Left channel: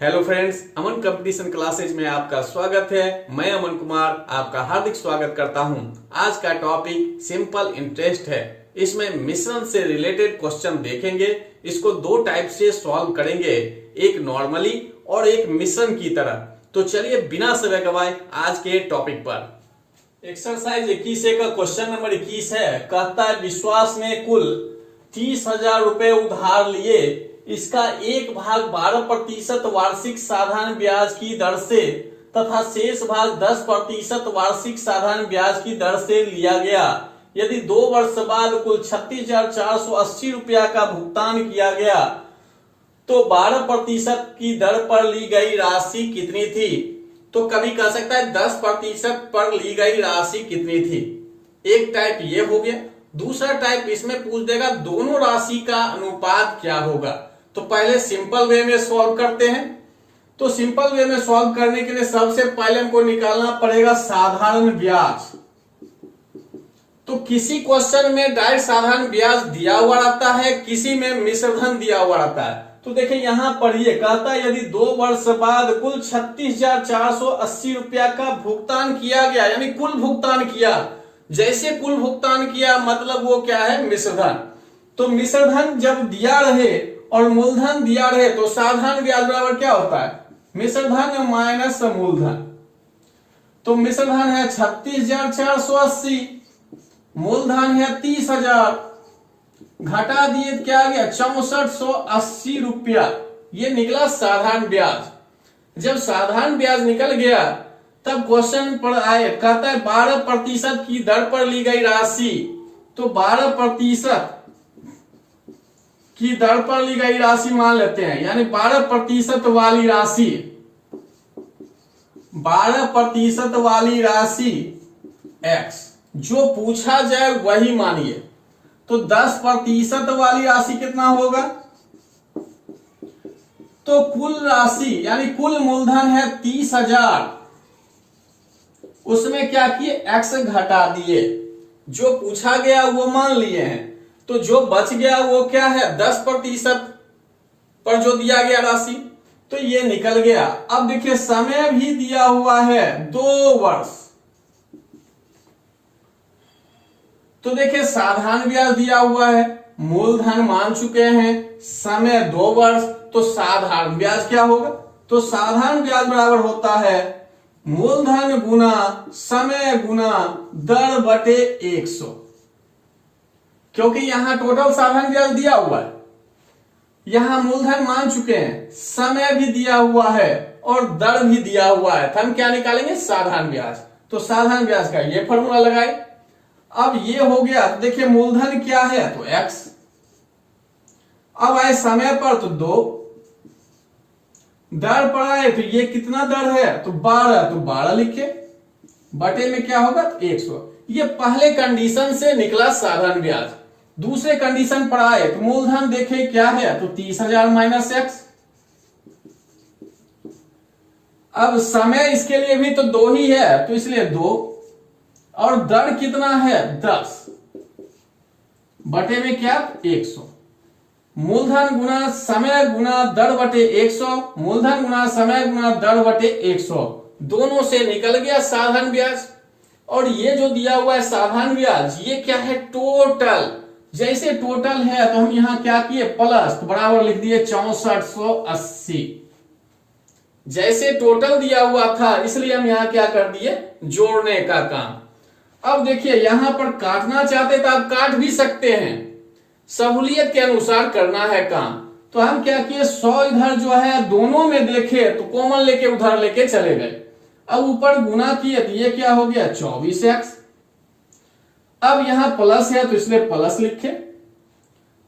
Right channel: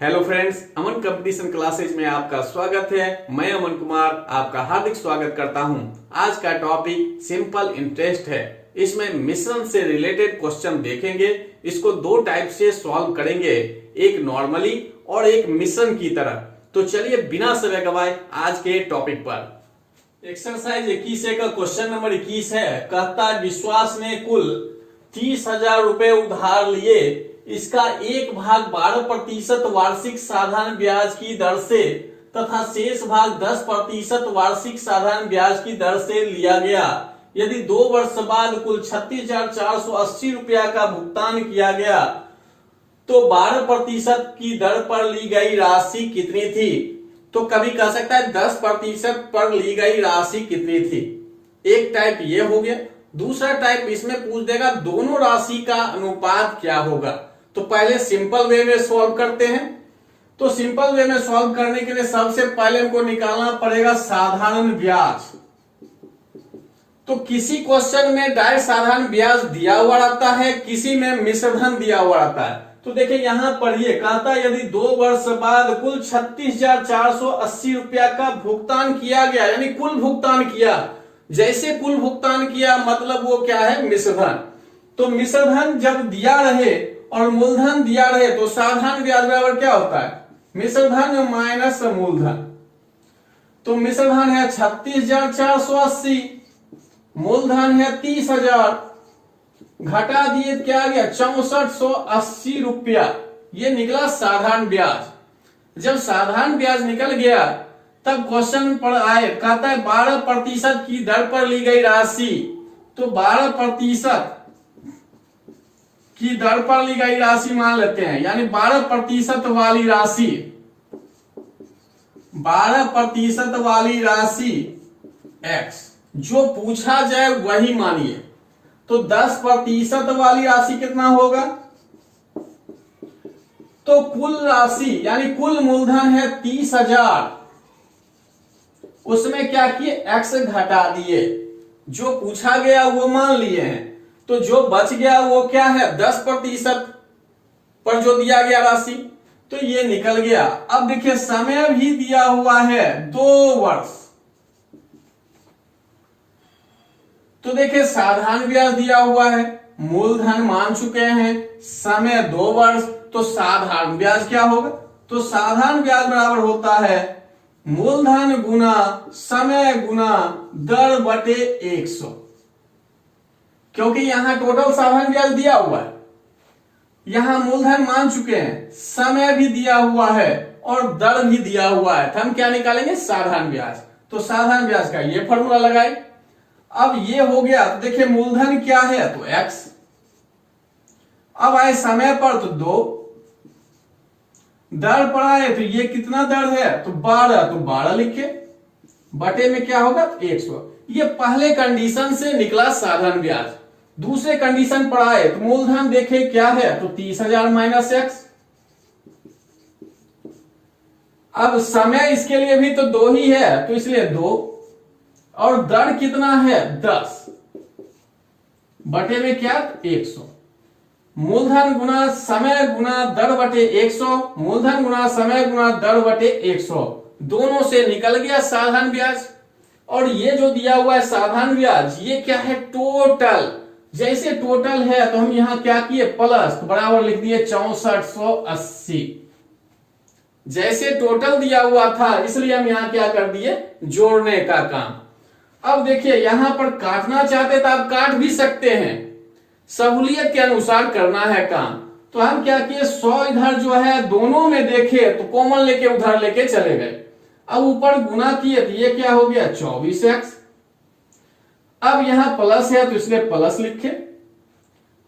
Hello friends, अमन competition classes में आपका स्वागत है। मैं अमन कुमार आपका हार्दिक स्वागत करता हूं। आज का टॉपिक सिंपल इंटरेस्ट है। इसमें मिश्रण से रिलेटेड क्वेश्चन देखेंगे। इसको दो टाइप से सॉल्व करेंगे, एक नॉर्मली और एक मिश्रण की तरह। तो चलिए बिना समय गवाए आज के टॉपिक पर। एक्सरसाइज 21 का क्वेश्चन नंबर 21 है। कहता है विश्वास ने कुल 30,000 रुपए उधार लिए, इसका 1/12% वार्षिक साधारण ब्याज की दर से तथा शेष भाग 10% वार्षिक साधारण ब्याज की दर से लिया गया। यदि 2 वर्ष बाद कुल 36,480 रुपया का भुगतान किया गया तो 12% की दर पर ली गई राशि कितनी थी। तो कभी कह सकता है 10% पर ली गई राशि कितनी थी। एक टाइप ये हो गया। दूसरा टाइप इसमें पूछ देगा दोनों राशि का अनुपात क्या होगा। तो पहले सिंपल वे में सॉल्व करते हैं। तो सिंपल वे में सॉल्व करने के लिए सबसे पहले हमको निकालना पड़ेगा साधारण ब्याज। तो किसी क्वेश्चन में डायरेक्ट साधारण ब्याज दिया हुआ रहता है, किसी में मिश्रधन दिया हुआ रहता है। तो देखिए यहां पढ़िए, कहता है यदि 2 वर्ष बाद कुल 36,480 रुपया का भुगतान किया गया, यानी कुल भुगतान किया। जैसे कुल भुगतान किया मतलब वो क्या है, मिश्रधन। तो मिश्रधन जब दिया रहे और मूलधन दिया रहे तो साधारण ब्याज बराबर क्या होता है, मिश्रधन माइनस मूलधन। तो मिश्रधन है 36,480, मूलधन है 30,000, घटा दिए क्या आ गया 6480 रुपया। ये निकला साधारण ब्याज। जब साधारण ब्याज निकल गया तब क्वेश्चन पर आए, कहता है 12% की दर पर ली गई राशि। तो 12% की दर पर ली गई राशि मान लेते हैं, यानी 12% वाली राशि, 12% वाली राशि x जो पूछा जाए वही मानिए। तो 10% वाली राशि कितना होगा। तो कुल राशि यानी कुल मूलधन है 30,000, उसमें क्या किए x घटा दिए। जो पूछा गया वो मान लिए हैं, तो जो बच गया वो क्या है 10% पर जो दिया गया राशि, तो ये निकल गया। अब देखिए समय भी दिया हुआ है 2 वर्ष। तो देखिए साधारण ब्याज दिया हुआ है, मूलधन मान चुके हैं, समय 2 वर्ष, तो साधारण ब्याज क्या होगा। तो साधारण ब्याज बराबर होता है मूलधन गुना समय गुना दर बटे 100। क्योंकि यहां टोटल साधारण ब्याज दिया हुआ है, यहां मूलधन मान चुके हैं, समय भी दिया हुआ है और दर भी दिया हुआ है। तो हम क्या निकालेंगे, साधारण ब्याज। तो साधारण ब्याज का ये फॉर्मूला लगाए। अब ये हो गया। तो देखिए मूलधन क्या है, तो x। अब आए समय पर तो 2, दर पर आए तो ये कितना दर है, तो 12, तो 12 लिखे, बटे में क्या होगा 100। ये पहले कंडीशन से निकला साधारण ब्याज। दूसरे कंडीशन पर आए तो मूलधन देखे क्या है, तो 30,000 माइनस x। अब समय इसके लिए भी तो 2 ही है, तो इसलिए 2, और दर कितना है 10, बटे में क्या 100। मूलधन गुना समय गुना दर बटे 100, मूलधन गुना समय गुना दर बटे 100, दोनों से निकल गया साधारण ब्याज। और ये जो दिया हुआ है साधारण ब्याज, ये क्या है टोटल। जैसे टोटल है तो हम यहां क्या किए प्लस, तो बराबर लिख दिए 6480। जैसे टोटल दिया हुआ था इसलिए हम यहां क्या कर दिए, जोड़ने का काम। अब देखिए यहां पर काटना चाहते तो आप काट भी सकते हैं, सहूलियत के अनुसार करना है काम। तो हम क्या किए 100 इधर जो है दोनों में देखे तो कॉमन लेके उधर लेके चले गए। अब ऊपर गुना किए तो ये क्या हो गया 24x। अब यहां प्लस है तो इसलिए प्लस लिखे,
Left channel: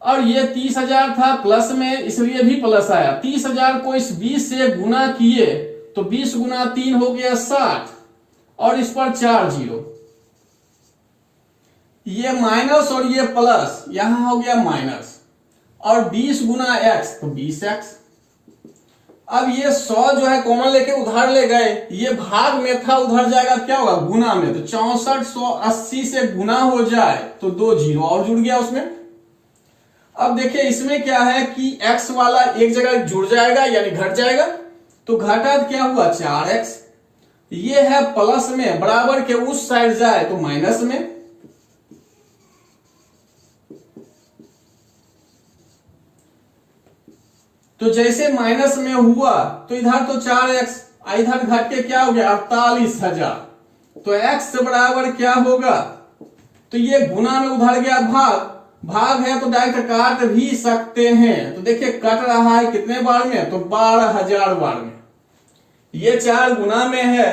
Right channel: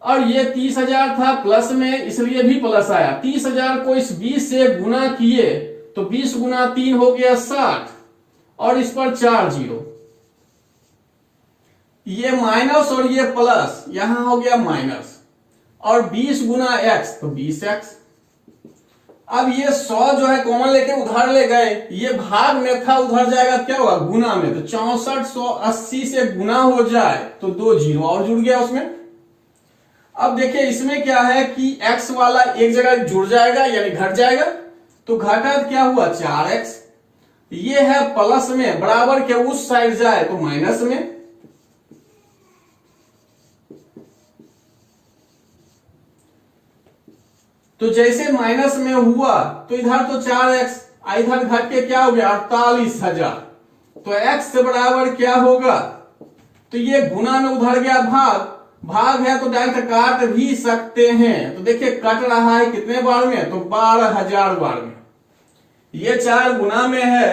और ये 30,000 था प्लस में इसलिए भी प्लस आया। 30,000 को इस 20 से गुना किए तो 20 गुना 3 हो गया 60, और इस पर 4 जीरो, ये माइनस और ये प्लस, यहां हो गया माइनस, और 20 गुना x तो 20x। अब ये 100 जो है कॉमन लेके उधर ले गए, ये भाग में था उधर जाएगा क्या होगा गुना में, तो 6480 से गुना हो जाए तो 2 जीरो और जुड़ गया उसमें। अब देखिए इसमें क्या है कि x वाला एक जगह जुड़ जाएगा यानी घट जाएगा, तो घटा क्या हुआ 4x, ये है प्लस में, बराबर के उस साइड जाए तो माइनस में, तो जैसे माइनस में हुआ तो इधर तो 4x, इधर घट के क्या हो गया 48,000, तो x बराबर क्या होगा, तो ये गुना में उधर गया भाग, भाग है तो डायरेक्ट काट भी सकते हैं, तो देखिए कट रहा है कितने बार में, तो 12,000 बार में, ये 4 गुना में है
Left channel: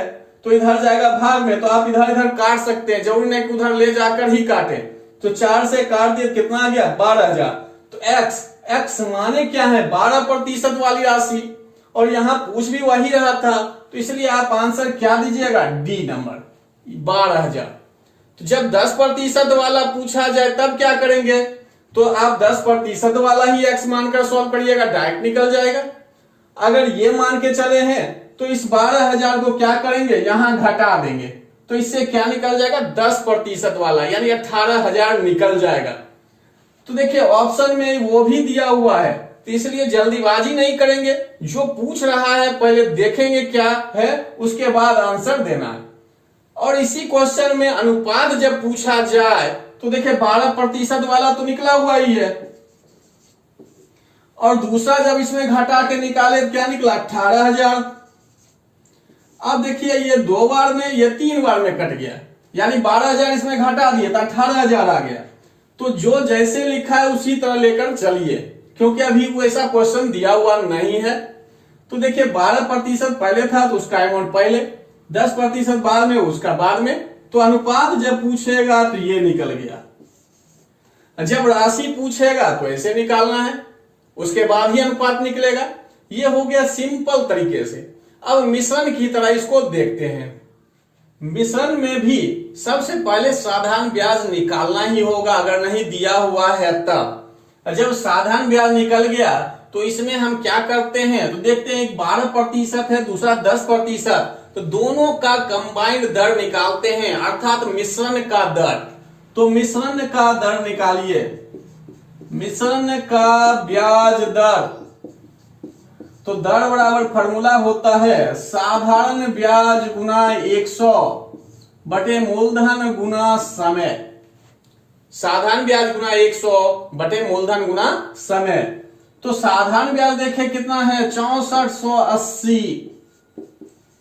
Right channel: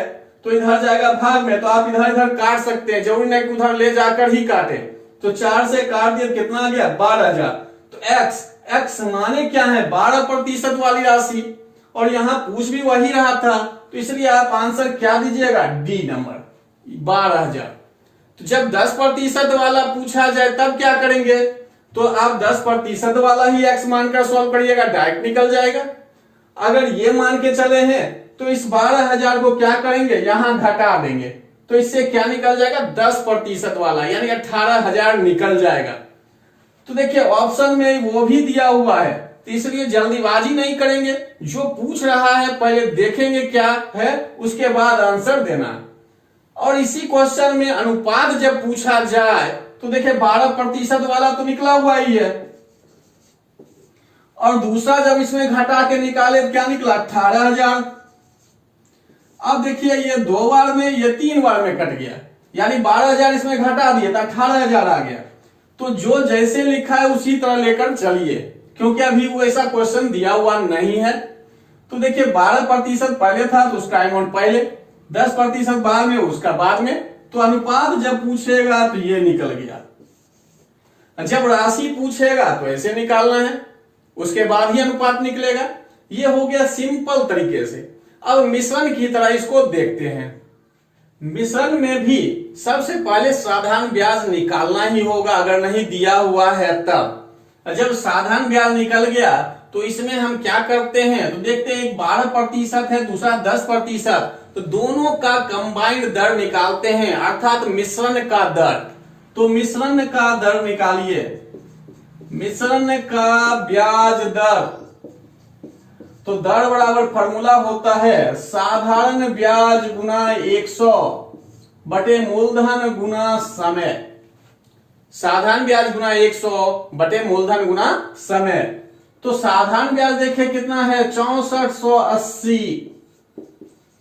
तो इधर जाएगा भाग में, तो आप इधर इधर काट सकते हैं, जरूरी नहीं कि उधर ले जाकर ही काटे, तो 4 से काट दिए कितना आ गया 12,000, तो x माने क्या है 12% वाली राशि, और यहां पूछ भी वही रहा था, तो इसलिए आप आंसर क्या दीजिएगा डी नंबर 12,000। तो जब 10% वाला पूछा जाए तब क्या करेंगे, तो आप 10% वाला ही x मानकर सॉल्व करिएगा, डायरेक्ट निकल जाएगा। अगर ये मान के चले हैं तो इस 12,000 को क्या करेंगे यहां घटा देंगे, तो इससे क्या निकल जाएगा 10% वाला, यानी 18,000 निकल जाएगा। तो देखिए ऑप्शन में वो भी दिया हुआ है, तो इसलिए जल्दीबाजी नहीं करेंगे, जो पूछ रहा है पहले देखेंगे क्या है, उसके बाद आंसर देना है। और इसी क्वेश्चन में अनुपात जब पूछा जाए तो देखिए 12% वाला तो निकला हुआ ही है, और दूसरा जब इसमें घटा के निकाले क्या निकला 18,000। अब देखिए ये 2 बार में, ये 3 बार में कट गया, यानी 12,000 इसमें घटा दिए तो 18,000 आ गया। तो जो जैसे लिखा है उसी तरह लेकर चलिए, क्योंकि अभी वो ऐसा क्वेश्चन दिया हुआ नहीं है। तो देखिए 12% पहले था तो उसका अमाउंट पहले, 10% बाद में उसका बाद में, तो अनुपात जब पूछेगा तो ये निकल गया। जब राशि पूछेगा तो ऐसे निकालना है, उसके बाद ही अनुपात निकलेगा। ये हो गया सिंपल तरीके से। अब मिश्रण की तरह इसको देखते हैं। मिश्रण में भी सबसे पहले साधारण ब्याज निकालना ही होगा, अगर नहीं दिया हुआ है तब। जब साधारण ब्याज निकल गया तो इसमें हम क्या करते हैं, तो देखते हैं 12% है, दूसरा 10%, तो दोनों का कंबाइंड दर निकालते हैं, अर्थात मिश्रण का दर। तो मिश्रण का दर निकालिए, मिश्रण का ब्याज दर, तो दर बराबर फॉर्मूला होता है साधारण ब्याज गुना 100 बटे मूलधन गुना समय। साधारण ब्याज गुना 100 बटे मूलधन गुना समय। तो साधारण ब्याज देखें कितना है 6480,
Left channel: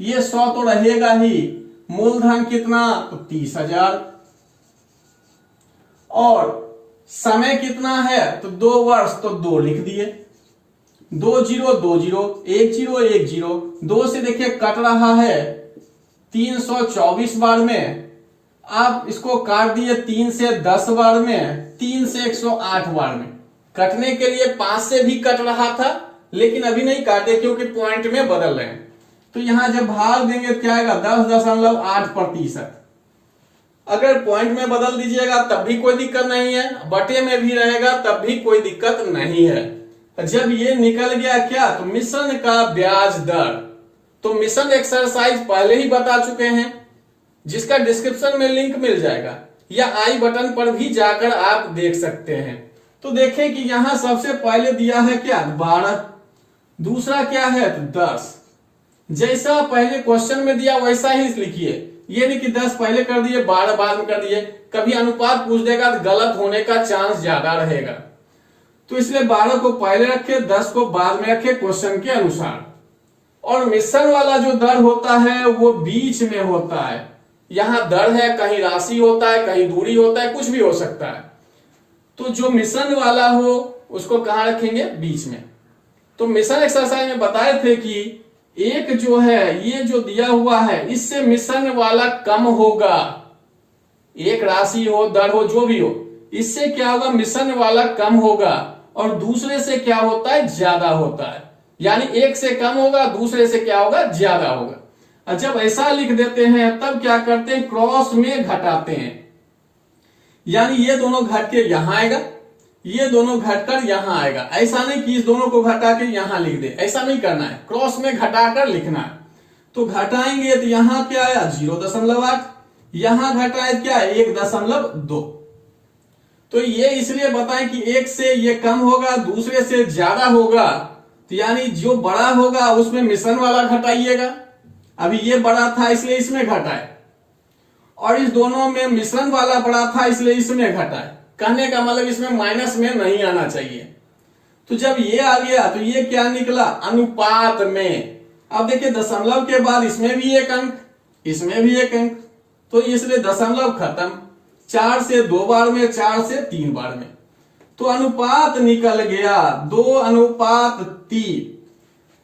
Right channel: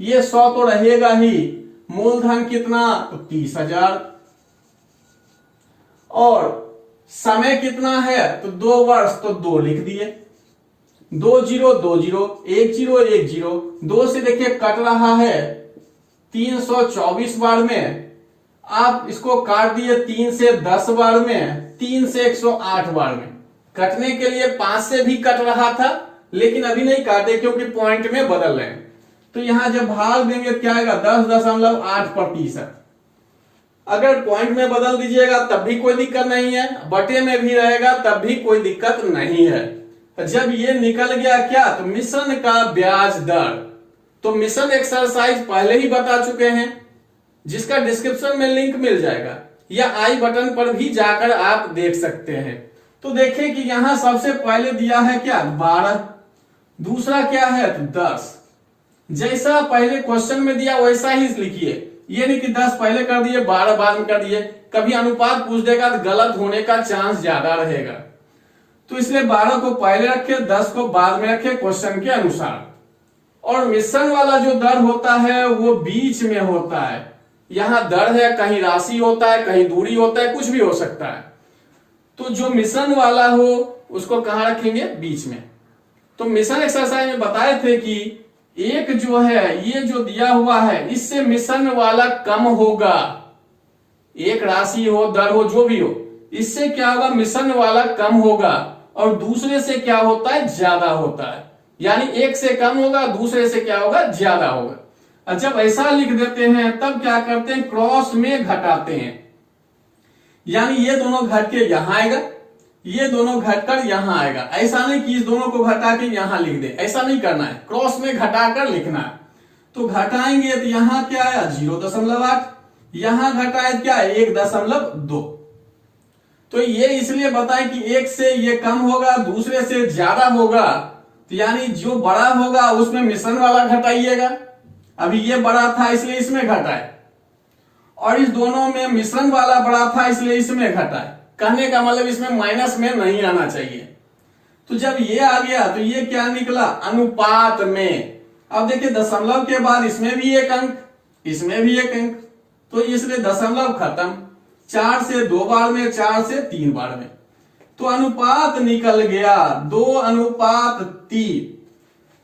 ये 100 तो रहेगा ही, मूलधन कितना तो 30,000, और समय कितना है तो 2 वर्ष, तो 2 लिख दिए, 2 0 2 0 1 0 1 0, 2 से देखिए कट रहा है 324 बार में, आप इसको काट दिए 3 से 10 बार में, 3 से 108 बार में। कटने के लिए 5 से भी कट रहा था, लेकिन अभी नहीं काटे क्योंकि पॉइंट में बदल रहे हैं। तो यहां जब भाग देंगे क्या आएगा 10.8%। अगर पॉइंट में बदल दीजिएगा तब भी कोई दिक्कत नहीं है, बटे में भी रहेगा तब भी कोई दिक्कत नहीं है। जब ये निकल गया क्या, तो मिश्रण का ब्याज दर, तो मिश्रण एक्सरसाइज पहले ही बता चुके हैं, जिसका डिस्क्रिप्शन में लिंक मिल जाएगा, या आई बटन पर भी जाकर आप देख सकते हैं। तो देखें कि यहां सबसे पहले दिया है क्या 12, दूसरा क्या है 10। जैसा पहले क्वेश्चन में दिया वैसा ही लिखिए, ये नहीं कि 10 पहले कर दिए 12 बाद में कर दिए, कभी अनुपात पूछ देगा तो गलत होने का चांस ज्यादा रहेगा। तो इसलिए 12 को पहले रखे, 10 को बाद में रखे क्वेश्चन के अनुसार। और मिश्रण वाला जो दर होता है वो बीच में होता है, यहां दर है, कहीं राशि होता है, कहीं दूरी होता है, कुछ भी हो सकता है। तो जो मिश्रण वाला हो उसको कहां रखेंगे, बीच में। तो मिश्रण एक्सरसाइज में बताए थे कि एक जो है ये जो दिया हुआ है इससे मिश्रण वाला कम होगा, एक राशि हो दर हो जो भी हो, इससे क्या होगा मिश्रण वाला कम होगा, और दूसरे से क्या होता है ज्यादा होता है, यानी एक से कम होगा दूसरे से क्या होगा ज्यादा होगा। जब ऐसा लिख देते हैं तब क्या करते हैं क्रॉस में घटाते हैं, यानी ये दोनों घट के यहां आएगा, ये दोनों घटकर यहां आएगा। ऐसा नहीं कि इस दोनों को घटा के यहां लिख दे, ऐसा नहीं करना है, क्रॉस में घटाकर लिखना है। तो घटाएंगे तो यहां क्या आया 0.8, यहां घटाए क्या 1.2। तो ये इसलिए बताएं कि एक से ये कम होगा दूसरे से ज्यादा होगा, तो यानी जो बड़ा होगा उसमें मिश्रण वाला घटाइएगा। अभी ये बड़ा था इसलिए इसमें घटाए, और इस दोनों में मिश्रण वाला बड़ा था इसलिए इसमें घटाए। कहने का मतलब इसमें माइनस में नहीं आना चाहिए। तो जब ये आ गया तो ये क्या निकला, अनुपात में। अब देखिए दशमलव के बाद इसमें भी एक अंक, इसमें भी एक अंक, तो इसलिए दशमलव खत्म। 4 से 2 बार में, 4 से 3 बार में, तो अनुपात निकल गया 2:3।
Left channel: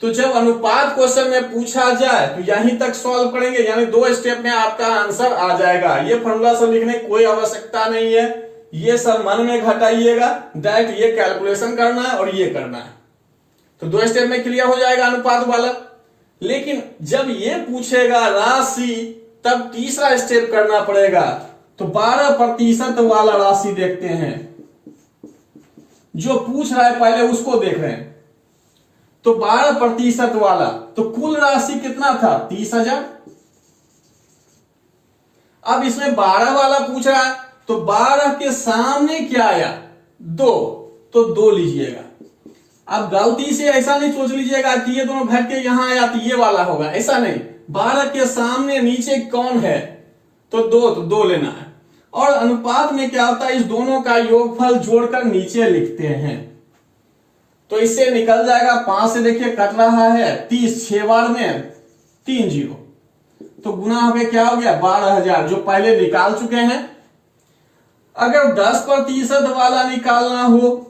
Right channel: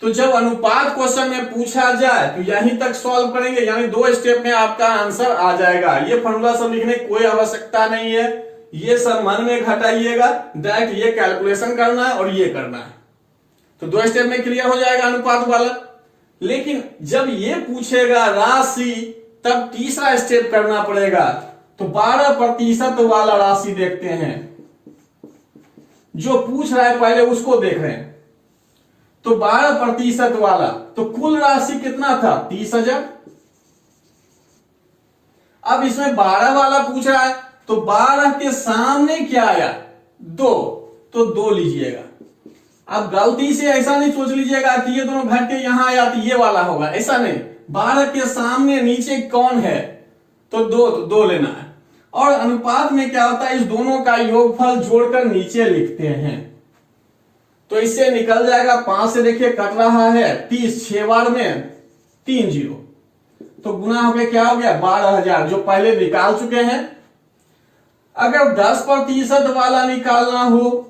तो जब अनुपात क्वेश्चन में पूछा जाए तो यहीं तक सॉल्व करेंगे, यानी 2 स्टेप में आपका आंसर आ जाएगा। ये फॉर्मूला सब लिखने की कोई आवश्यकता नहीं है, ये सब मन में घटाइएगा, डायरेक्ट ये कैलकुलेशन करना है और ये करना है। तो 2 स्टेप में क्लियर हो जाएगा अनुपात वाला। लेकिन जब ये पूछेगा राशि, तब तीसरा स्टेप करना पड़ेगा। तो 12% वाला राशि देखते हैं, जो पूछ रहा है पहले उसको देख रहे हैं। तो 12% वाला, तो कुल राशि कितना था, 30,000। अब इसमें 12 वाला पूछ रहा है, तो 12 के सामने क्या आया, 2, तो 2 लीजिएगा। अब गलती से ऐसा नहीं सोच लीजिएगा कि ये दोनों घट के यहां आया तो ये वाला होगा, ऐसा नहीं। 12 के सामने नीचे कौन है, तो 2, तो 2 लेना है। और अनुपात में क्या होता है, इस दोनों का योगफल जोड़कर नीचे लिखते हैं। तो इससे निकल जाएगा 5 से देखिए कट रहा है 30, 6 बार में 3 0, तो गुना होके क्या हो गया 12,000, जो पहले निकाल चुके हैं। अगर 10% वाला निकालना हो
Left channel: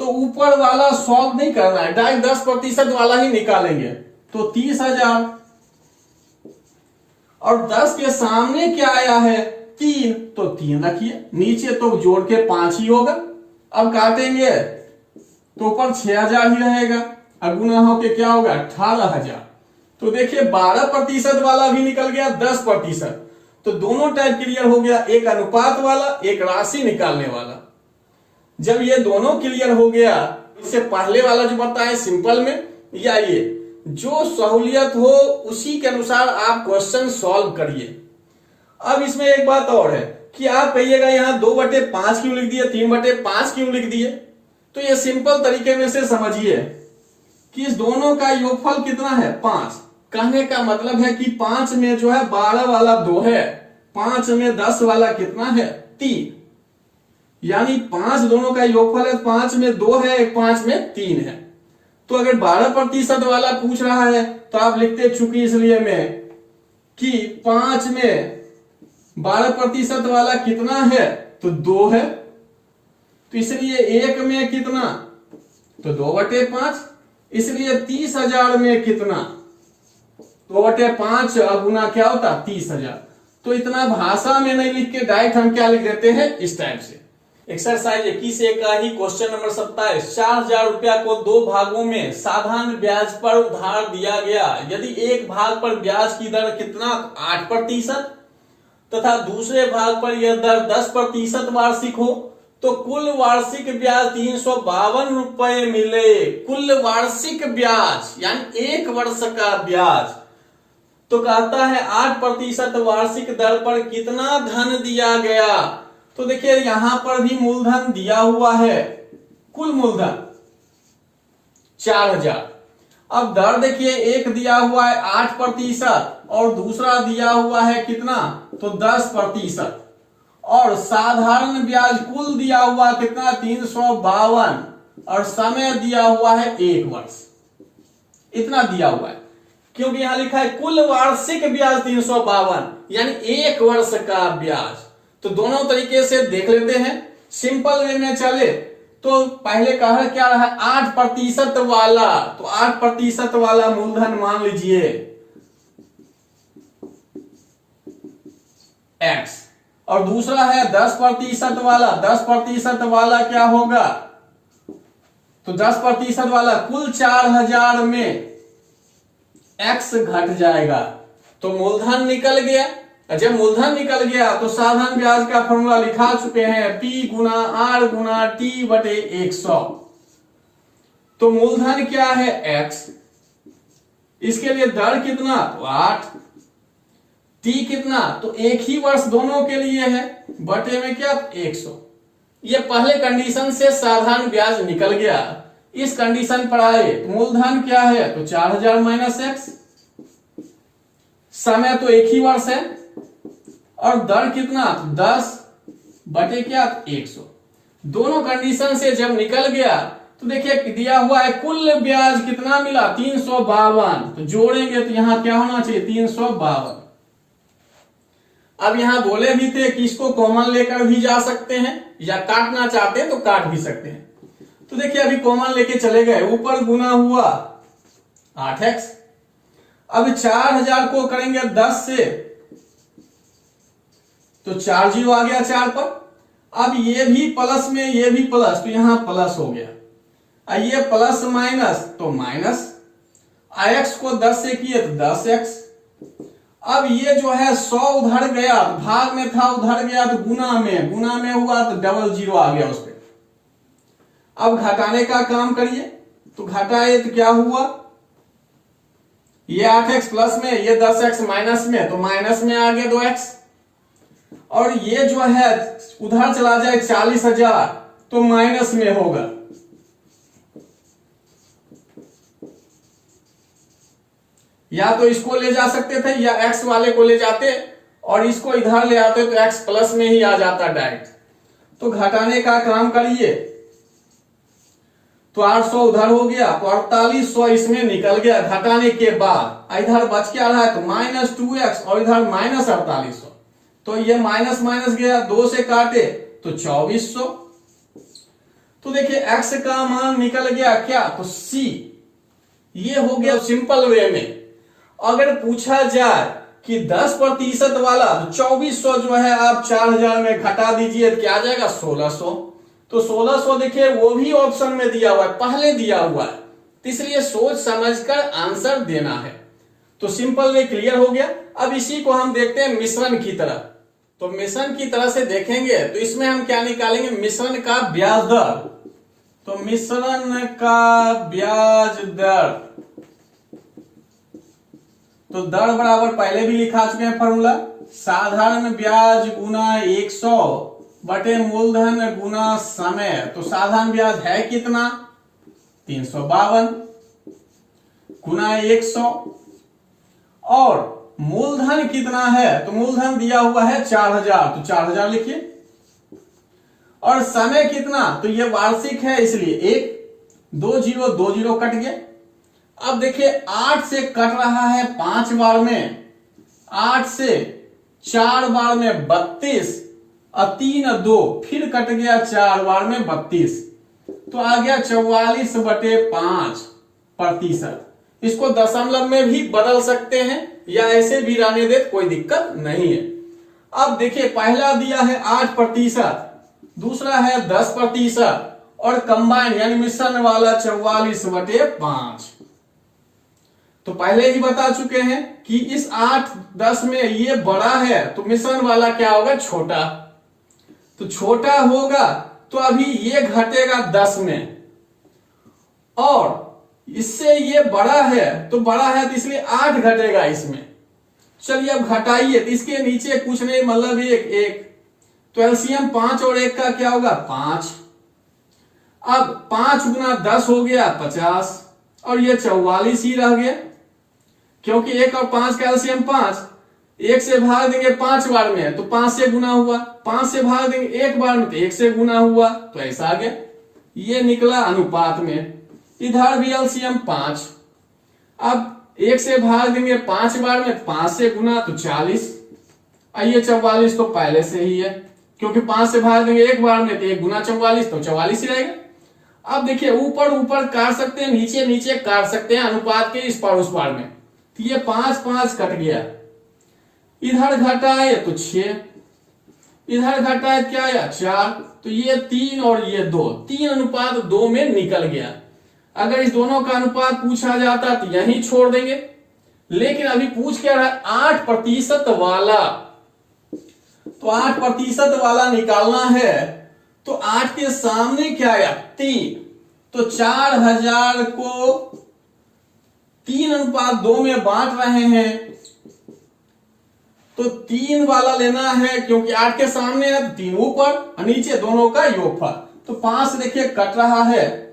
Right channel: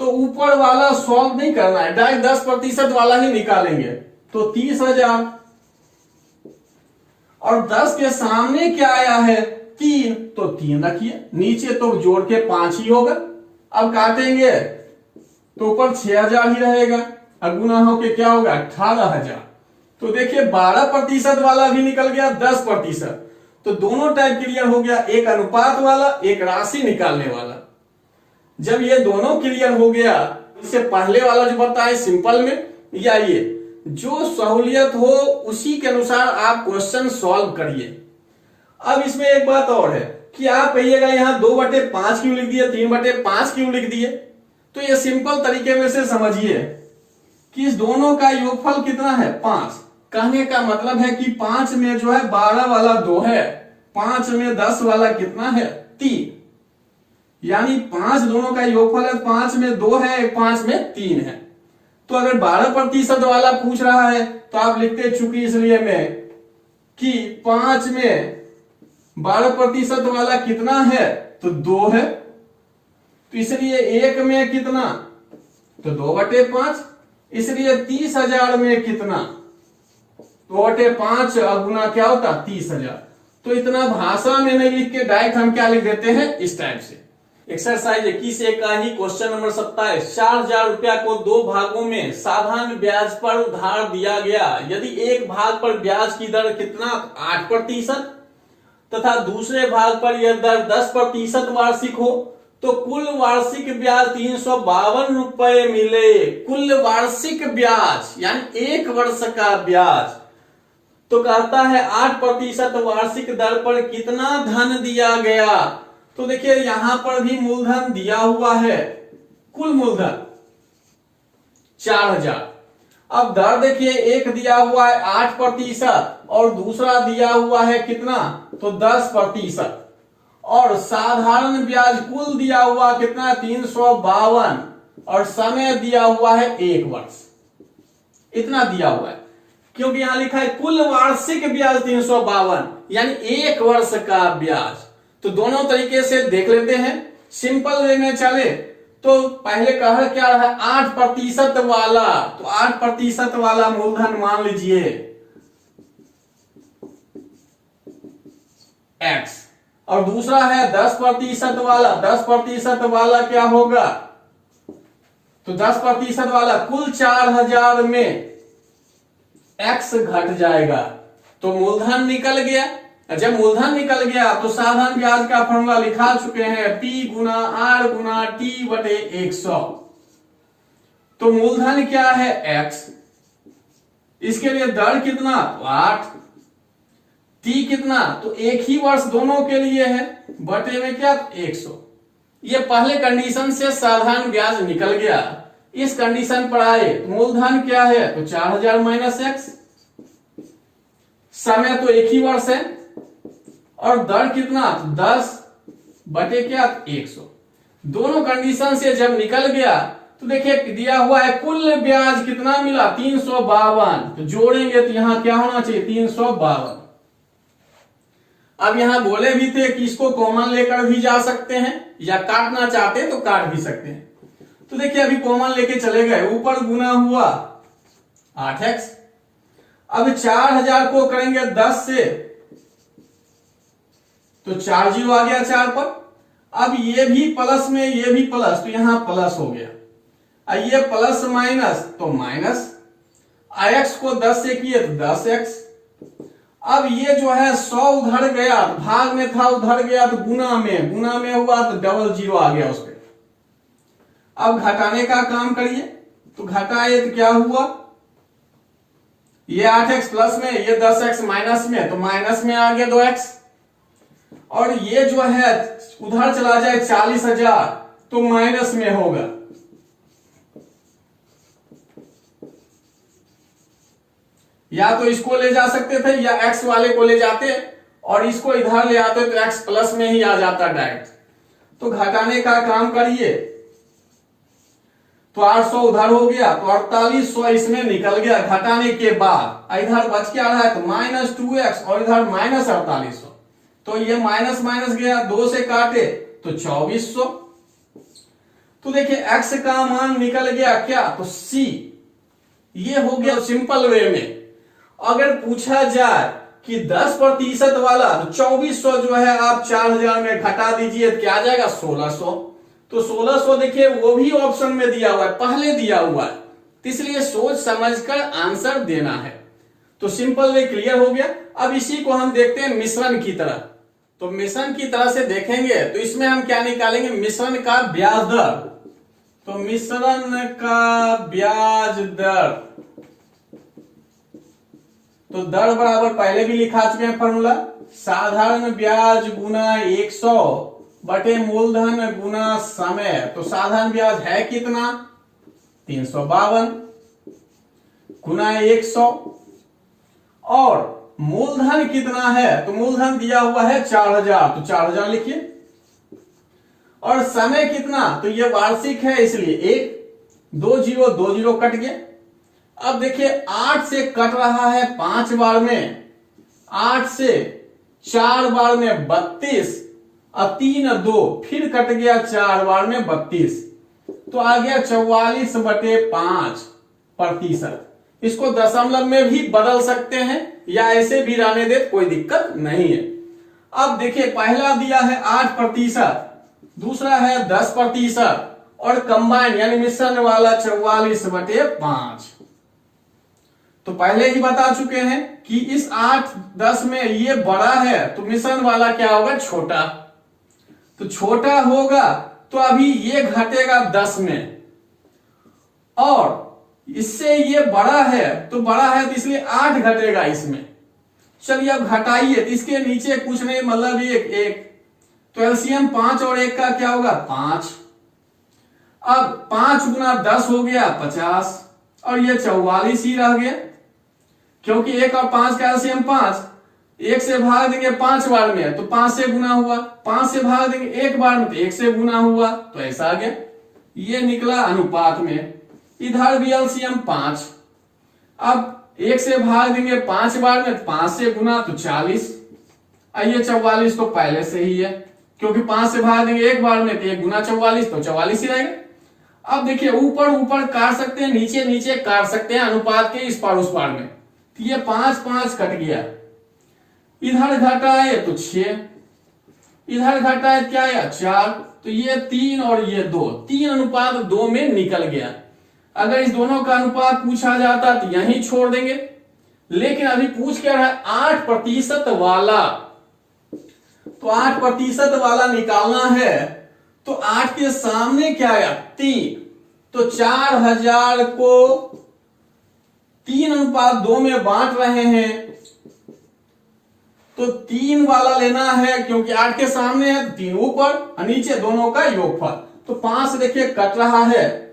तो ऊपर वाला सॉल्व नहीं करना है, डायरेक्ट 10% वाला ही निकालेंगे। तो 30,000, और 10 के सामने क्या आया है 3, तो 3 रखिए, नीचे तो जोड़ के 5 ही होगा। अब काटेंगे तो ऊपर 6,000 ही रहेगा, अब गुना होके क्या होगा 18,000। तो देखिए 12% वाला भी निकल गया, 10%, तो दोनों टाइप क्लियर हो गया, एक अनुपात वाला, एक राशि निकालने वाला। जब ये दोनों क्लियर हो गया, इससे पहले वाला जो बताए सिंपल में, या ये जो सहूलियत हो उसी के अनुसार आप क्वेश्चन सॉल्व करिए। अब इसमें एक बात और है कि आप कहिएगा यहाँ 2/5 क्यों लिख दिए, 3/5 क्यों लिख दिए। तो ये सिंपल तरीके में से समझिए कि इस दोनों का योगफल कितना है 5। कहने का मतलब है कि 5 में जो है 12 वाला 2 है, 5 में 10 वाला कितना है 3, यानी 5 दोनों का योगफल है, 5 में 2 है, 5 में 3 है। तो अगर 12% वाला पूछ रहा है तो आप लिखते चूंकि इसलिए में कि 5 में 12% वाला कितना है, तो 2 है, तो इसलिए 1 में कितना, तो 2/5, इसलिए 30,000 में कितना, 2/5 गुना क्या होता 30,000। तो इतना भाषा में नहीं लिख के डायरेक्ट हम क्या लिख देते हैं इस टाइप से। एक्सरसाइज 21 का ही क्वेश्चन नंबर 27, 4,000 रुपया को 2 भागों में साधारण ब्याज पर उधार दिया गया। यदि एक भाग पर ब्याज की दर कितना 8% तथा दूसरे भाग पर यह दर 10% वार्षिक हो, तो कुल वार्षिक ब्याज 352 रुपए मिले। कुल वार्षिक ब्याज यानी 1 वर्ष का ब्याज। तो कहता है 8% वार्षिक दर पर कितना धन दिया गया। तो देखिए यहां पर भी मूलधन दिया हुआ है, कुल मूलधन 4,000। अब दर देखिए एक दिया हुआ है 8% और दूसरा दिया हुआ है कितना, तो 10%, और साधारण ब्याज कुल दिया हुआ कितना 352, और समय दिया हुआ है 1 वर्ष। इतना दिया हुआ है क्योंकि यहां लिखा है कुल वार्षिक ब्याज 352, यानी 1 वर्ष का ब्याज। तो दोनों तरीके से देख लेते हैं। सिंपल वे में चले तो पहले कह क्या रहा 8% वाला, तो 8% वाला मूलधन मान लीजिए x, और दूसरा है 10% वाला। 10% वाला क्या होगा, तो 10% वाला कुल 4,000 में x घट जाएगा, तो मूलधन निकल गया। जब मूलधन निकल गया तो साधारण ब्याज का फॉर्मूला लिखा चुके हैं, P गुना R गुना T/100। तो मूलधन क्या है x, इसके लिए दर कितना, तो 8, T कितना, तो 1 ही वर्ष दोनों के लिए है, बटे में क्या 100। ये पहले कंडीशन से साधारण ब्याज निकल गया। इस कंडीशन पर आए तो मूलधन क्या है, तो 4000 माइनस एक्स, समय तो एक ही वर्ष है, और दर कितना, 10 बटे क्या, 100। दोनों कंडीशन से जब निकल गया तो देखिए दिया हुआ है कुल ब्याज कितना मिला, 352। तो जोड़ेंगे तो यहां क्या होना चाहिए, 352। अब यहां बोले भी थे कि इसको कॉमन लेकर भी जा सकते हैं या काटना चाहते हैं तो काट भी सकते हैं। तो देखिए अभी कॉमन लेके चले गए, ऊपर गुना हुआ 8x, अब 4000 को करेंगे 10 से तो 4 जीरो आ गया 4 पर। अब ये भी प्लस में ये भी प्लस, तो यहां प्लस हो गया, ये प्लस माइनस तो माइनस, x को 10 से किए तो 10x। अब ये जो है 100 उधर गया तो भाग में था, उधर गया तो गुना में हुआ तो डबल जीरो आ गया उस पर। अब घटाने का काम करिए, तो घटाए तो क्या हुआ, ये 8x प्लस में, ये 10x माइनस में, तो माइनस में आ गया 2x। और ये जो है उधर चला जाए 40,000 तो माइनस में होगा, या तो इसको ले जा सकते थे या x वाले को ले जाते और इसको इधर ले आते तो x प्लस में ही आ जाता डायरेक्ट। तो घटाने का काम करिए, तो 800 उधर हो गया तो 4800 इसमें निकल गया घटाने के बाद। इधर बच क्या रहा है, तो माइनस 2x और इधर माइनस 4800, तो ये माइनस माइनस गया, 2 से काटे तो 2400। तो देखिए x का मान निकल गया क्या, तो c। ये हो गया सिंपल वे में। अगर पूछा जाए कि 10% वाला, तो 2400 जो है आप 4000 में घटा दीजिए तो क्या आ जाएगा, 1600। तो 1600 देखिए वो भी ऑप्शन में दिया हुआ है, पहले दिया हुआ है, तो इसलिए सोच समझकर आंसर देना है। तो सिंपल वे क्लियर हो गया। अब इसी को हम देखते हैं मिश्रण की तरह। तो मिश्रण की तरह से देखेंगे तो इसमें हम क्या निकालेंगे, मिश्रण का ब्याज दर। तो मिश्रण का ब्याज दर, तो दर बराबर पहले भी लिखा चुके हैं फॉर्मूला, साधारण ब्याज गुना 100 बटे मूलधन गुना समय। तो साधारण ब्याज है कितना, 352 गुना 100, और मूलधन कितना है, तो मूलधन दिया हुआ है 4000, तो 4000 लिखिए। और समय कितना, तो ये वार्षिक है इसलिए 1, 2 जीरो 2 जीरो कट गया। अब देखिए 8 से कट रहा है 5 बार में, 8 से 4 बार में 32, और 3 2 फिर कट गया 4 बार में 32, तो आ गया 44/5%। इसको दशमलव में भी बदल सकते हैं या ऐसे भी रहने दे, कोई दिक्कत नहीं है। अब देखिए पहला दिया है 8%, दूसरा है 10%, और कंबाइन यानी मिश्रण वाला 44/5। तो पहले ही बता चुके हैं कि इस 8 10 में ये बड़ा है तो मिश्रण वाला क्या होगा, छोटा। तो छोटा होगा तो अभी ये घटेगा 10 में, और इससे ये बड़ा है तो इसलिए 8 घटेगा इसमें। चलिए अब घटाइए, तो इसके नीचे कुछ नहीं, मतलब एक तो एलसीएम 5 और 1 का क्या होगा, 5। अब 5 गुना 10 हो गया 50, और ये 44 ही रह गया, क्योंकि 1 और 5 का एलसीएम 5। 1 से भाग देंगे 5 बार में तो 5 से गुना हुआ, 5 से भाग देंगे 1 बार में तो 1 से गुना हुआ, तो ऐसा आ गया। ये निकला अनुपात में, इधर भी एलसीएम 5। अब 1 से भाग देंगे 5 बार में, 5 से गुना तो 40, ये 44 तो पहले से ही है, क्योंकि 5 से भाग देंगे 1 बार में तो 1 गुना 44 तो 44 ही रहेगा। अब देखिए ऊपर ऊपर काट सकते हैं, नीचे नीचे काट सकते हैं अनुपात के इस पार उस पार में, तो ये 5 5 कट गया, इधर घटाए तो 6, इधर घटाए क्या आया 4, तो ये 3 और ये 2, 3:2 में निकल गया। अगर इस दोनों का अनुपात पूछा जाता तो यहीं छोड़ देंगे, लेकिन अभी पूछ क्या रहा है 8% वाला, तो 8% वाला निकालना है, तो 8 के सामने क्या आया 3, तो 4000 को 3:2 में बांट रहे हैं, तो 3 वाला लेना है, क्योंकि 8 के सामने है 3 ऊपर और नीचे दोनों का योगफल। तो 5 देखिए कट रहा है,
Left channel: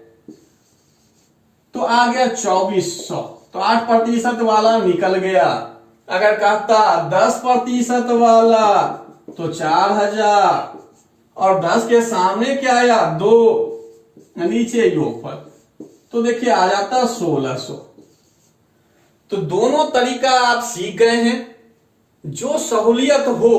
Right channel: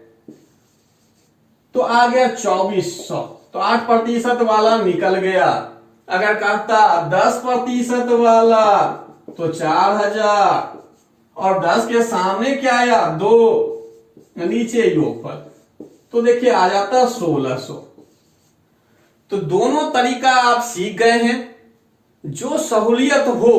तो आ गया 2400, तो 8% वाला निकल गया। अगर कहता 10% वाला तो 4000, और 10 के सामने क्या आया 2, नीचे योगफल, तो देखिए आ जाता 1600। तो दोनों तरीका आप सीख गए हैं। जो सहूलियत हो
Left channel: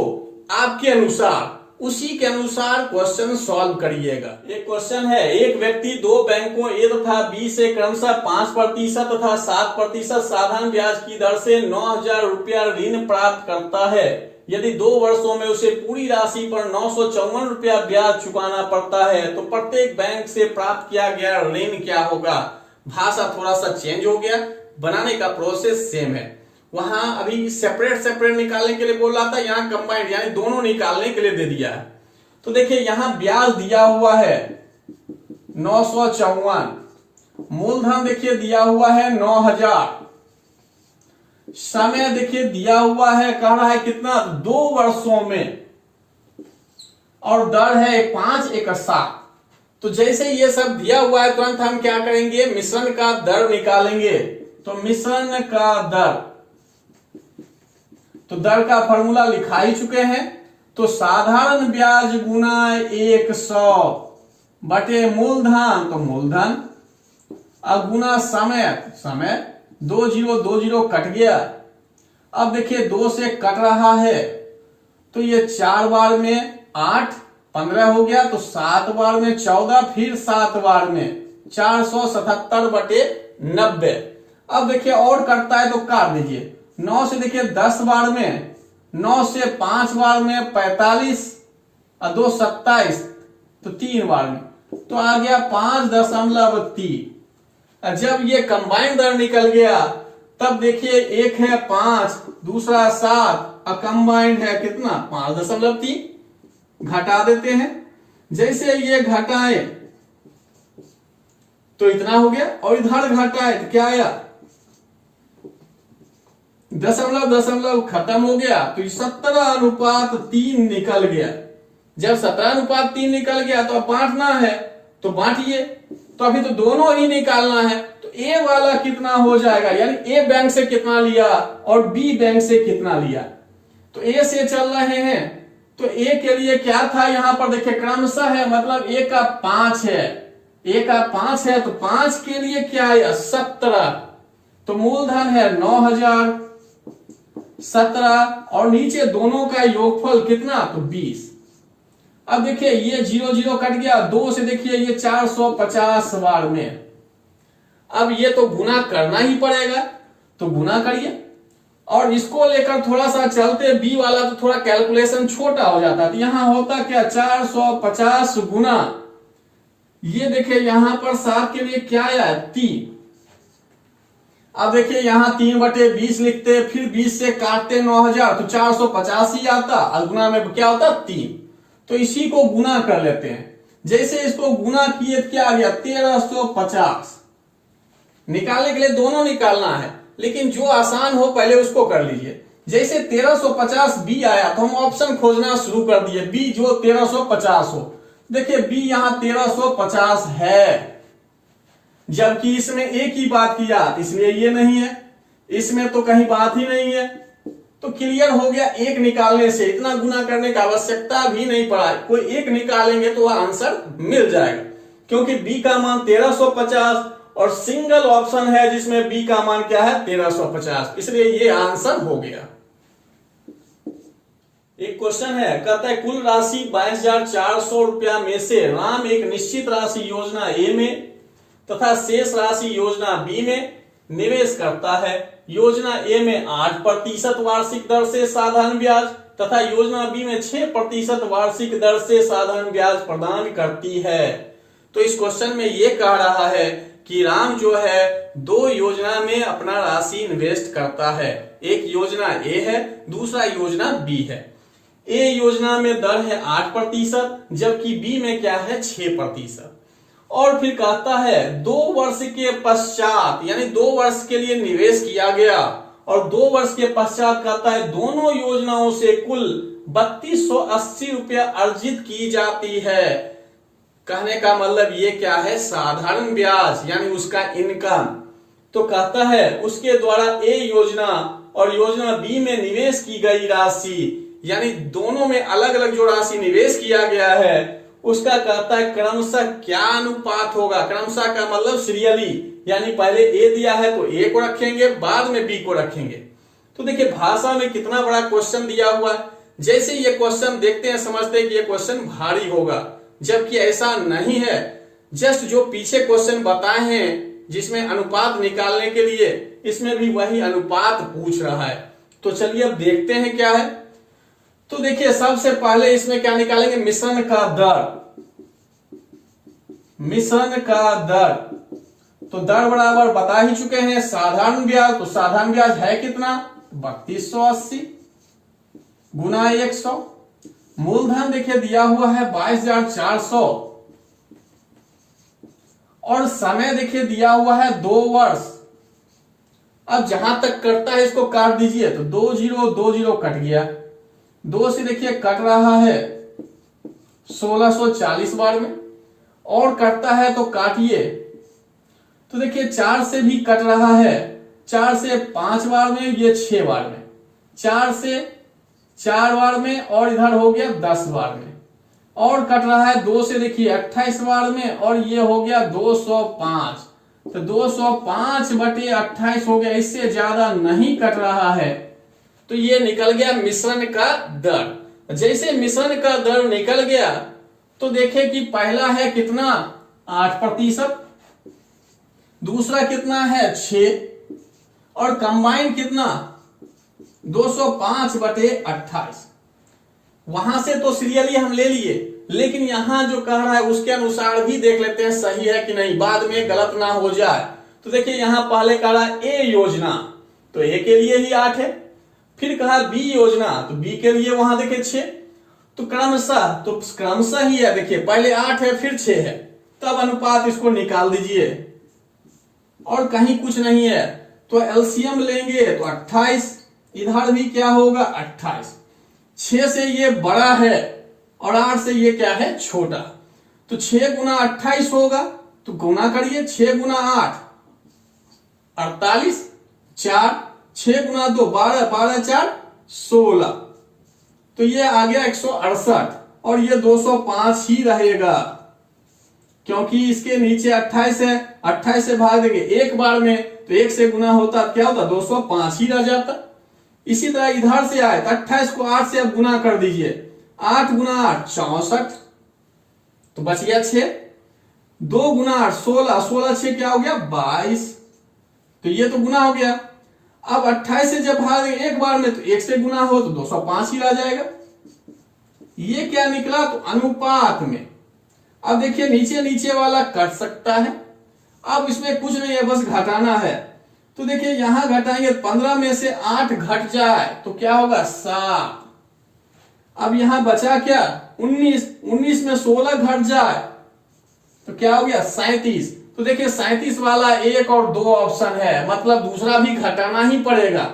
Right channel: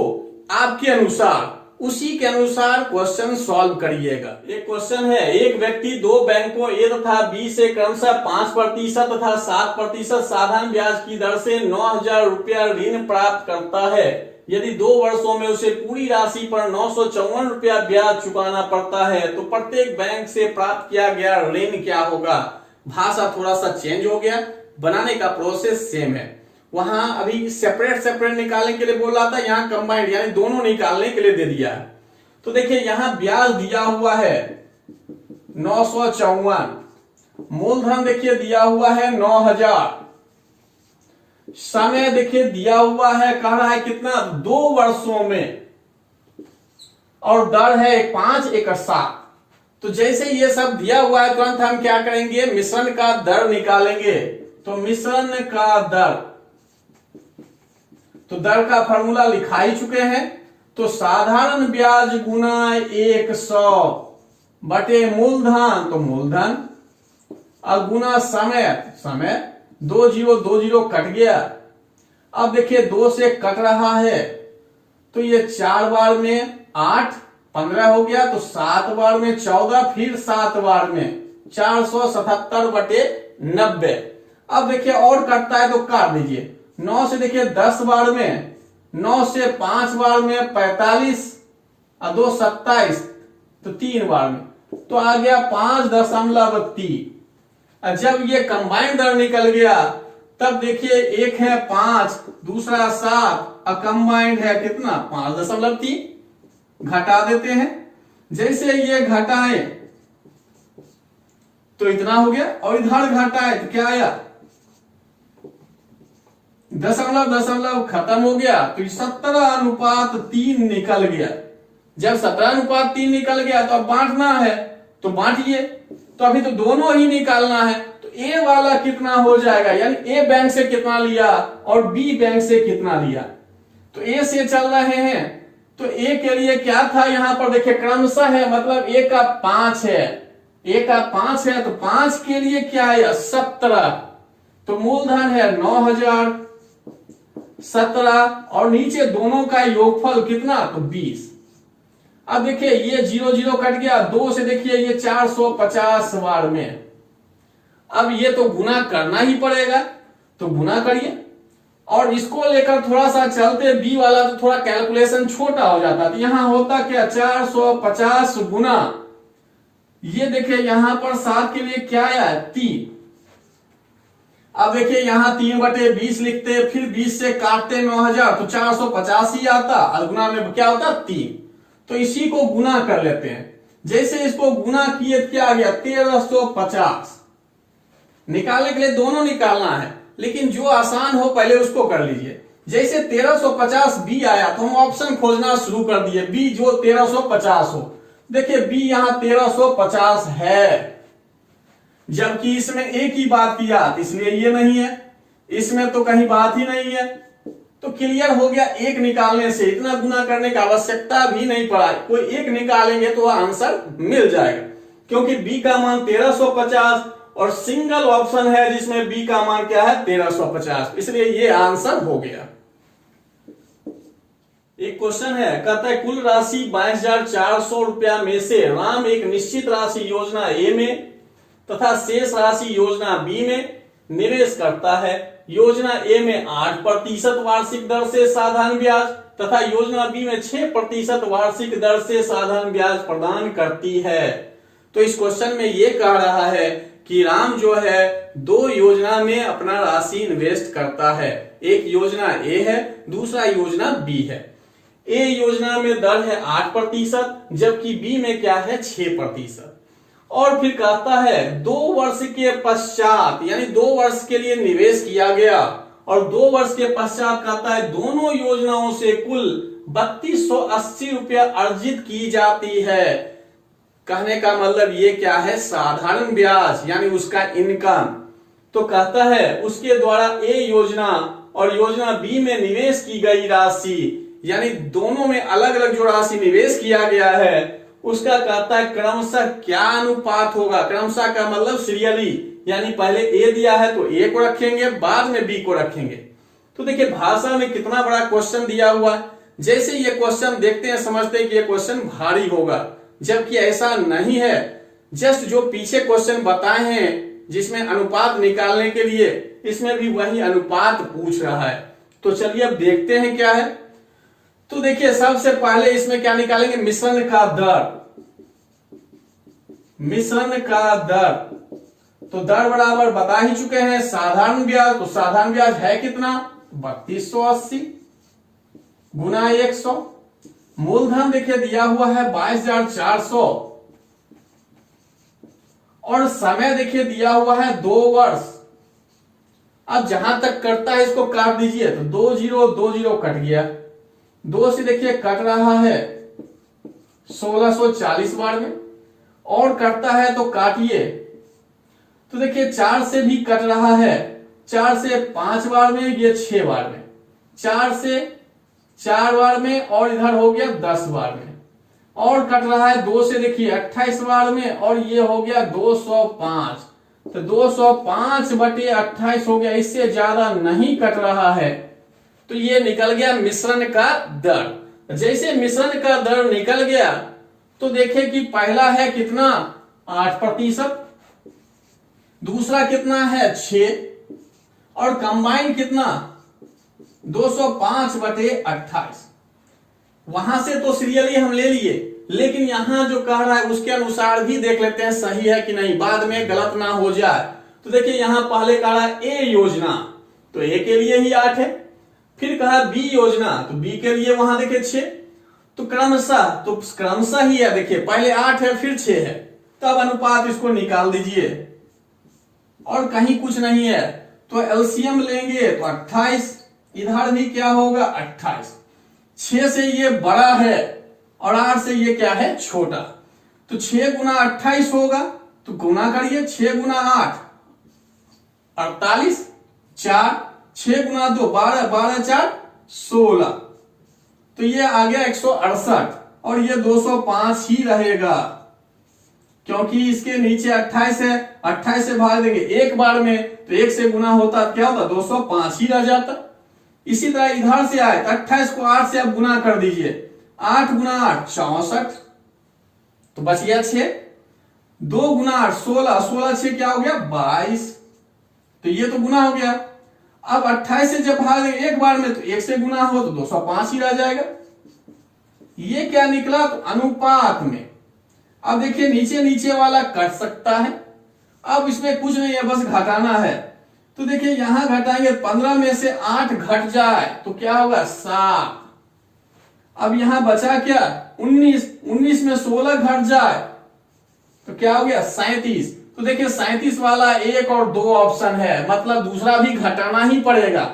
आपके अनुसार उसी के अनुसार क्वेश्चन सॉल्व करिएगा। एक क्वेश्चन है, एक व्यक्ति दो बैंकों ए तथा बी से क्रमशः 5% तथा 7% साधारण ब्याज की दर से 9000 रुपया ऋण प्राप्त करता है। यदि 2 वर्षों में उसे पूरी राशि पर 954 रुपया ब्याज चुकाना पड़ता है तो प्रत्येक बैंक से प्राप्त किया गया ऋण क्या होगा। भाषा थोड़ा सा चेंज हो गया, बनाने का प्रोसेस सेम है। वहां अभी सेपरेट निकालने के लिए बोल रहा था, यहाँ कंबाइंड यानी दोनों निकालने के लिए दे दिया है। तो देखिए यहां ब्याज दिया हुआ है 954, मूलधन देखिए दिया हुआ है 9000, समय देखिए दिया हुआ है, कह रहा है कितना 2 वर्षों में, और दर है 517। तो जैसे ये सब दिया हुआ है तुरंत हम क्या करेंगे, मिश्रण का दर निकालेंगे। तो मिश्रण का दर, तो दर का फॉर्मूला लिखा ही चुके हैं। तो साधारण ब्याज गुना 100 बटे मूलधन, तो मूलधन, अब गुना समय 20 कट गया। अब देखिए 2 से कट रहा है तो ये 4 बार में 8, 15 हो गया, तो 7 बार में 14, फिर 7 बार में 477 बटे 90। अब देखिए और कटता है तो काट दीजिए। 9 से देखिए 10 बार में, 9 से 5 बार में 45 और 2 27, तो 3 बार में, तो आ गया 5.3। जब ये कंबाइंड दर निकल गया तब देखिए एक है 5, दूसरा 7 और कंबाइंड है कितना 5.3, घटा देते हैं। जैसे ये घटाए तो इतना हो गया, और इधर घटाए तो क्या आया, दशमलव खत्म हो गया, तो 17:3 निकल गया। जब 17:3 निकल गया तो अब बांटना है, तो बांटिए। तो अभी तो दोनों ही निकालना है, तो ए वाला कितना हो जाएगा, यानी ए बैंक से कितना लिया और बी बैंक से कितना लिया। तो ए से चल रहे हैं तो ए के लिए क्या था, यहां पर देखिए क्रमशः है, मतलब ए का 5 है, ए का 5 है, तो 5 के लिए क्या है 17, तो मूलधन है 9000, 17 और नीचे दोनों का योगफल कितना, तो 20। अब देखिए ये 0 कट गया, 2 से देखिए ये 450 बार में। अब ये तो गुना करना ही पड़ेगा, तो गुना करिए। और इसको लेकर थोड़ा सा चलते, बी वाला तो थोड़ा कैलकुलेशन छोटा हो जाता, तो यहां होता क्या 450 गुना, ये देखिए यहां पर 7 के लिए क्या आया 3। अब देखिए यहां 3/20 लिखते, फिर 20 से काटते 9000, तो 450 ही आता, और गुना में क्या होता 3। तो इसी को गुना कर लेते हैं। जैसे इसको गुना किए क्या आ गया 1350। निकालने के लिए दोनों निकालना है, लेकिन जो आसान हो पहले उसको कर लीजिए। जैसे 1350 बी आया तो हम ऑप्शन खोजना शुरू कर दिए, बी जो 1350 हो। देखिए बी यहां 1350 है, जबकि इसमें एक ही बात किया, इसलिए ये नहीं है, इसमें तो कहीं बात ही नहीं है। तो क्लियर हो गया, एक निकालने से इतना गुना करने की आवश्यकता भी नहीं पड़ा, कोई एक निकालेंगे तो वह आंसर मिल जाएगा, क्योंकि बी का मान 1350 और सिंगल ऑप्शन है जिसमें बी का मान क्या है 1350, इसलिए ये आंसर हो गया। एक क्वेश्चन है, कहता है कुल राशि 22,400 रुपया में से राम एक निश्चित राशि योजना ए में तथा शेष राशि योजना बी में निवेश करता है। योजना ए में 8% वार्षिक दर से साधारण ब्याज तथा योजना बी में 6% वार्षिक दर से साधारण ब्याज प्रदान करती है। तो इस क्वेश्चन में ये कह रहा है कि राम जो है 2 योजना में अपना राशि इन्वेस्ट करता है। एक योजना ए है, दूसरा योजना बी है। ए योजना में दर है 8%, जबकि बी में क्या है 6%। और फिर कहता है 2 वर्ष के पश्चात, यानी 2 वर्ष के लिए निवेश किया गया और 2 वर्ष के पश्चात कहता है दोनों योजनाओं से कुल 3280 रुपया अर्जित की जाती है। कहने का मतलब ये क्या है, साधारण ब्याज यानी उसका इनकम। तो कहता है उसके द्वारा ए योजना और योजना बी में निवेश की गई राशि, यानी दोनों में अलग अलग जो राशि निवेश किया गया है उसका कहता है क्रमशः क्या अनुपात होगा। क्रमशः का मतलब सीरियली, यानी पहले ए दिया है तो ए को रखेंगे, बाद में बी को रखेंगे। तो देखिए भाषा में कितना बड़ा क्वेश्चन दिया हुआ है। जैसे ये क्वेश्चन देखते हैं समझते हैं कि ये क्वेश्चन भारी होगा, जबकि ऐसा नहीं है। जस्ट जो पीछे क्वेश्चन बताए हैं जिसमें अनुपात निकालने के लिए, इसमें भी वही अनुपात पूछ रहा है। तो चलिए अब देखते हैं क्या है। तो देखिए सबसे पहले इसमें क्या निकालेंगे, मिश्रण का दर। मिश्रण का दर, तो दर बराबर बता ही चुके हैं साधारण ब्याज। तो साधारण ब्याज है कितना, 3280 गुना 100। मूलधन देखिए दिया हुआ है 22,400 और समय देखिए दिया हुआ है 2 वर्ष। अब जहां तक कटता है इसको काट दीजिए, तो 2 जीरो 2 जीरो कट गया, 2 से देखिए कट रहा है 1640 बार में, और कटता है तो काटिए, तो देखिए 4 से भी कट रहा है, 4 से 5 बार में, ये 6 बार में, 4 से 4 बार में, और इधर हो गया 10 बार में, और कट रहा है 2 से देखिए 28 बार में, और ये हो गया 205। तो 205/28 हो गया, इससे ज्यादा नहीं कट रहा है। तो ये निकल गया मिश्रण का दर। जैसे मिश्रण का दर निकल गया तो देखें कि पहला है कितना 8%, दूसरा कितना है 6, और कंबाइन कितना 205/28। वहां से तो सीरियली हम ले लिए, लेकिन यहां जो कह रहा है उसके अनुसार भी देख लेते हैं सही है कि नहीं, बाद में गलत ना हो जाए। तो देखिए यहां पहले कह रहा है ए योजना, तो ए के लिए ही 8 है। फिर कहा बी योजना, तो बी के लिए वहां देखिए 6। तो क्रमशः ही है, देखिए पहले 8 है फिर 6 है, तब अनुपात इसको निकाल दीजिए, और कहीं कुछ नहीं है तो एलसीएम लेंगे तो 28, इधर भी क्या होगा 28। 6 से ये बड़ा है और 8 से ये क्या है छोटा, तो 6 गुना 28 होगा, तो गुना करिए 6 गुना 8 48, 4, 6 गुना 2 12, 12 4 16, तो ये आ गया 168, और ये 205 ही रहेगा क्योंकि इसके नीचे 28 है, 28 से भाग देंगे एक बार में, तो 1 से गुना होता क्या होता 205 ही रह जाता। इसी तरह इधर से आए 28 को 8 से अब गुना कर दीजिए, 8 गुना 8 64, तो बच गया 6, 2 गुना 8 16, 16 6 क्या हो गया 22, तो ये तो गुना हो गया। अब 28 से जब भाग देंगे एक बार में, तो 1 से गुना हो तो 205 ही रह जाएगा। ये क्या निकला, तो अनुपात में। अब देखिए नीचे नीचे वाला कट सकता है, अब इसमें कुछ नहीं है बस घटाना है। तो देखिए यहां घटाएंगे, 15 में से 8 घट जाए तो क्या होगा 7। अब यहां बचा क्या 19, 19 में 16 घट जाए तो क्या हो गया 37। तो देखिए 37 वाला 1 और 2 ऑप्शन है, मतलब दूसरा भी घटाना ही पड़ेगा।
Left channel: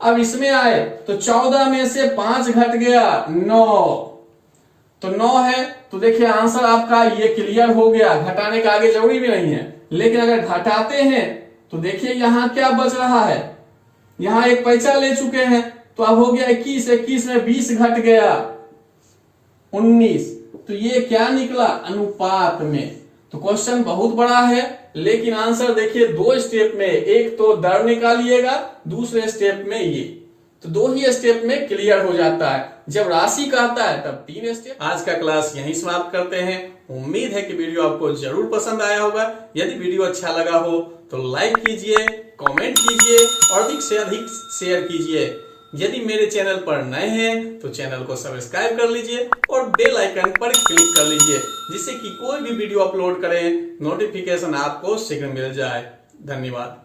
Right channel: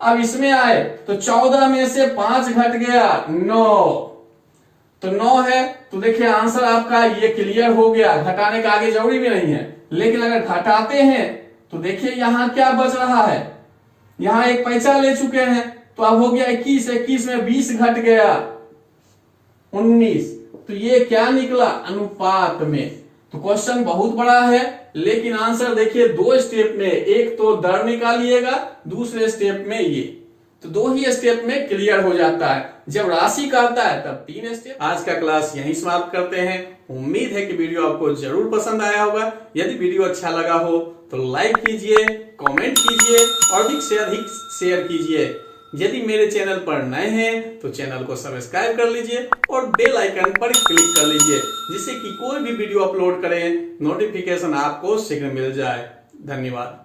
अब इसमें आए तो 14 में से 5 घट गया 9, तो 9 है, तो देखिए आंसर आपका ये क्लियर हो गया, घटाने का आगे जरूरी भी नहीं है। लेकिन अगर घटाते हैं तो देखिए यहां क्या बच रहा है, यहां एक पैसा ले चुके हैं, तो अब हो गया 21, 21 में 20 घट गया 19, तो ये क्या निकला अनुपात में। तो क्वेश्चन बहुत बड़ा है, लेकिन आंसर देखिए 2 स्टेप में, एक तो दर निकालिएगा, दूसरे स्टेप में ये, तो 2 ही स्टेप में क्लियर हो जाता है। जब राशि का आता है तब 3 स्टेप। आज का क्लास यहीं समाप्त करते हैं। उम्मीद है कि वीडियो आपको जरूर पसंद आया होगा। यदि वीडियो अच्छा लगा हो तो लाइक कीजिए, कमेंट कीजिए और अधिक से अधिक शेयर कीजिए। यदि मेरे चैनल पर नए हैं तो चैनल को सब्सक्राइब कर लीजिए और बेल आइकन पर क्लिक कर लीजिए, जिससे कि कोई भी वीडियो अपलोड करें नोटिफिकेशन आपको शीघ्र मिल जाए। धन्यवाद।